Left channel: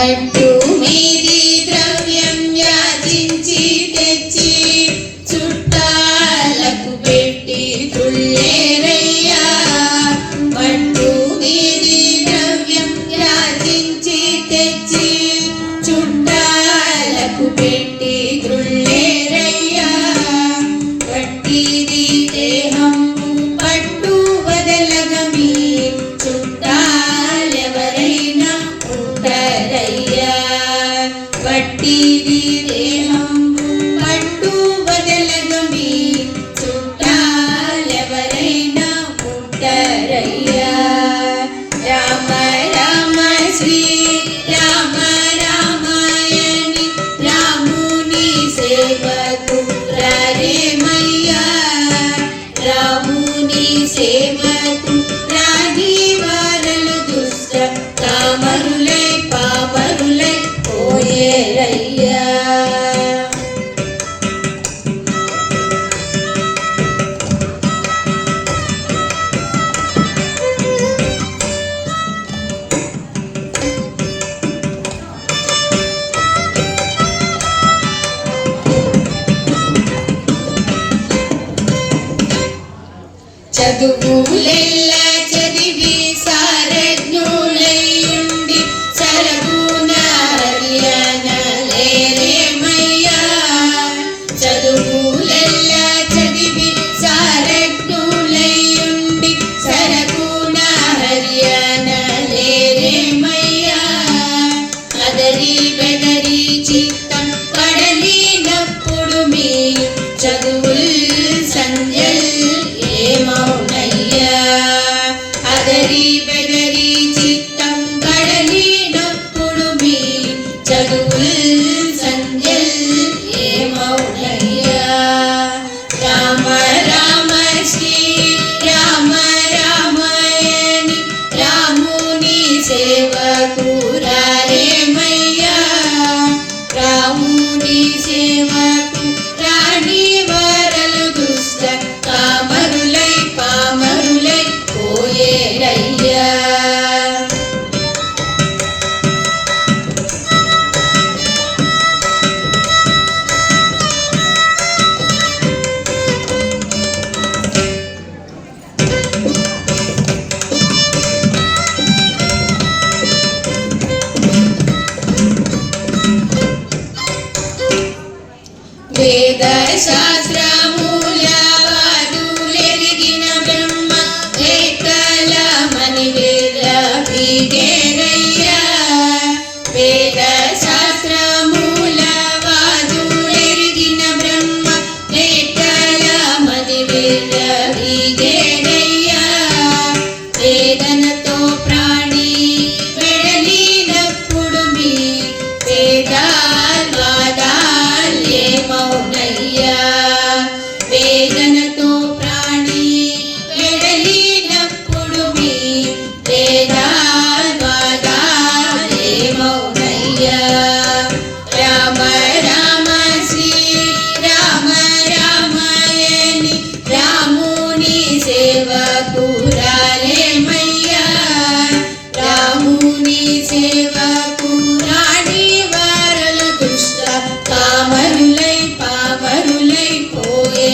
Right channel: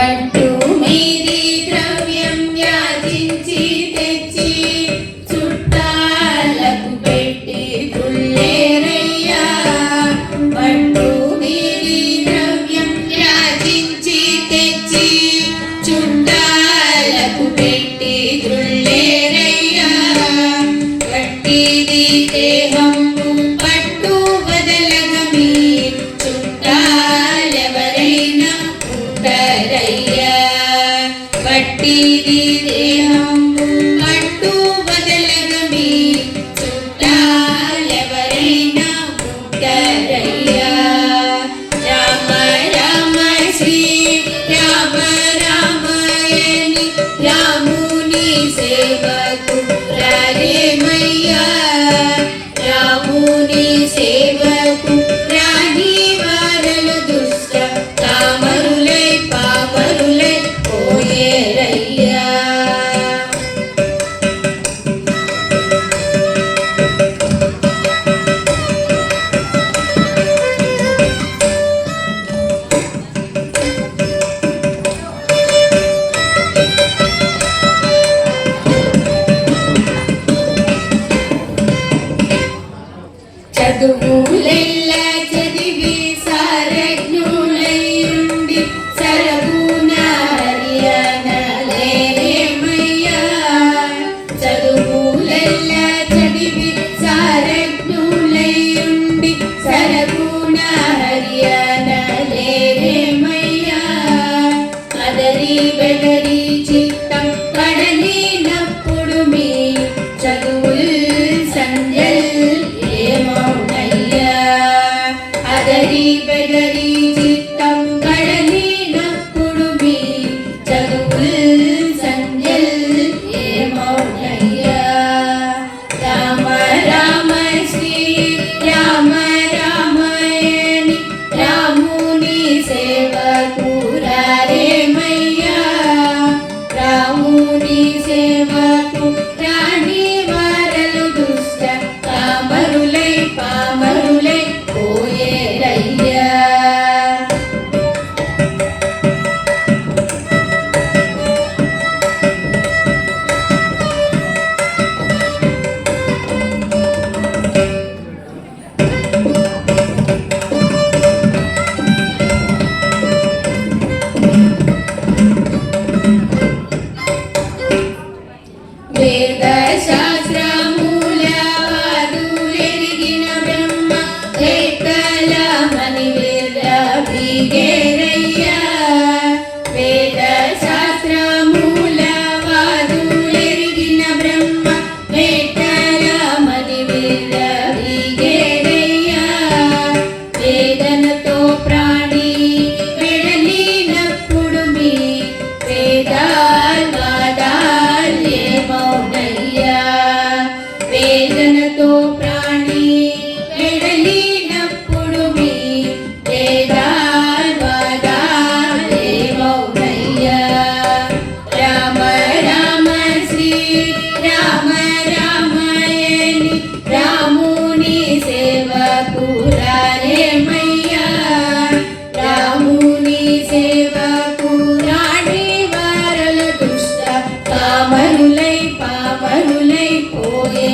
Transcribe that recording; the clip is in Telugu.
పట్టు మీది ద్రవ్యం యాచించి తెచ్చి చుట్టాలకు పెట్టి తుళ్ళేరయ్యా. పట్టు మీది ద్రవ్యం యాచించి తెచ్చి చుట్టాలకు పెట్టి తుళ్ళేరయ్యా. పట్టిది దేహం పట్టు బదలగ మీ చుట్టాలెవరైనా ఉంటారయ్యా. పట్టిది దేహం పట్టు బదలగ మీ చుట్టాలెవరైనా ఉంటారయ్యా. రామ రామ శ్రీ రామ రామాయణి రాముని సేవకు రారేమయ్యా. రాముని సేవకు రాని వారలు దుష్ట కామరులై పామరులై పోయేరయ్యా. చదువులెల్లా చదివి సారజ్ఞులైయుండి సరగుణ హరియనలేరేమయ్యా. చదువులెల్లా చదివి సారజ్ఞులైయుండి సరగుణ హరియనలేరేమయ్యా. అదరి బెదరి చిత్తం కడలినప్పుడు మీ చదువుల్ సంధ్యల్ ఏమౌనయ్యా. అదరి బెదరి చిత్తం కడలినప్పుడు మీ చదువుల్ సంధ్యల్ ఏమౌనయ్యా. రామ రామ శ్రీ రామ రామాయణి రాముని సేవకు రారేమయ్యా. రాముని సేవకు రాని వారలు దుష్ట కామరులై పామరులై పోయేరయ్యా. వేద శాస్త్రముల వాదులెరిగిన బ్రహ్మ వేత్తల మణివేద బీగేరయ్యా. వేద శాస్త్రముల వాదులెరిగిన బ్రహ్మ వేత్తల మణివేద బీగేరయ్యా. వేదనతో ప్రాణి వెడలినప్పుడు మీ వేదాల్వాదాలేమౌనయ్యా. వేదనతో ప్రాణి వెడలినప్పుడు మీ వేదాల్వాదాలేమౌనయ్యా. రామ రామ శ్రీ రామ రామాయణి రాముని సేవకు రారేమయ్యా. రాముని సేవకు రాని వారల దుష్ట కామరులై పామరులై పోయే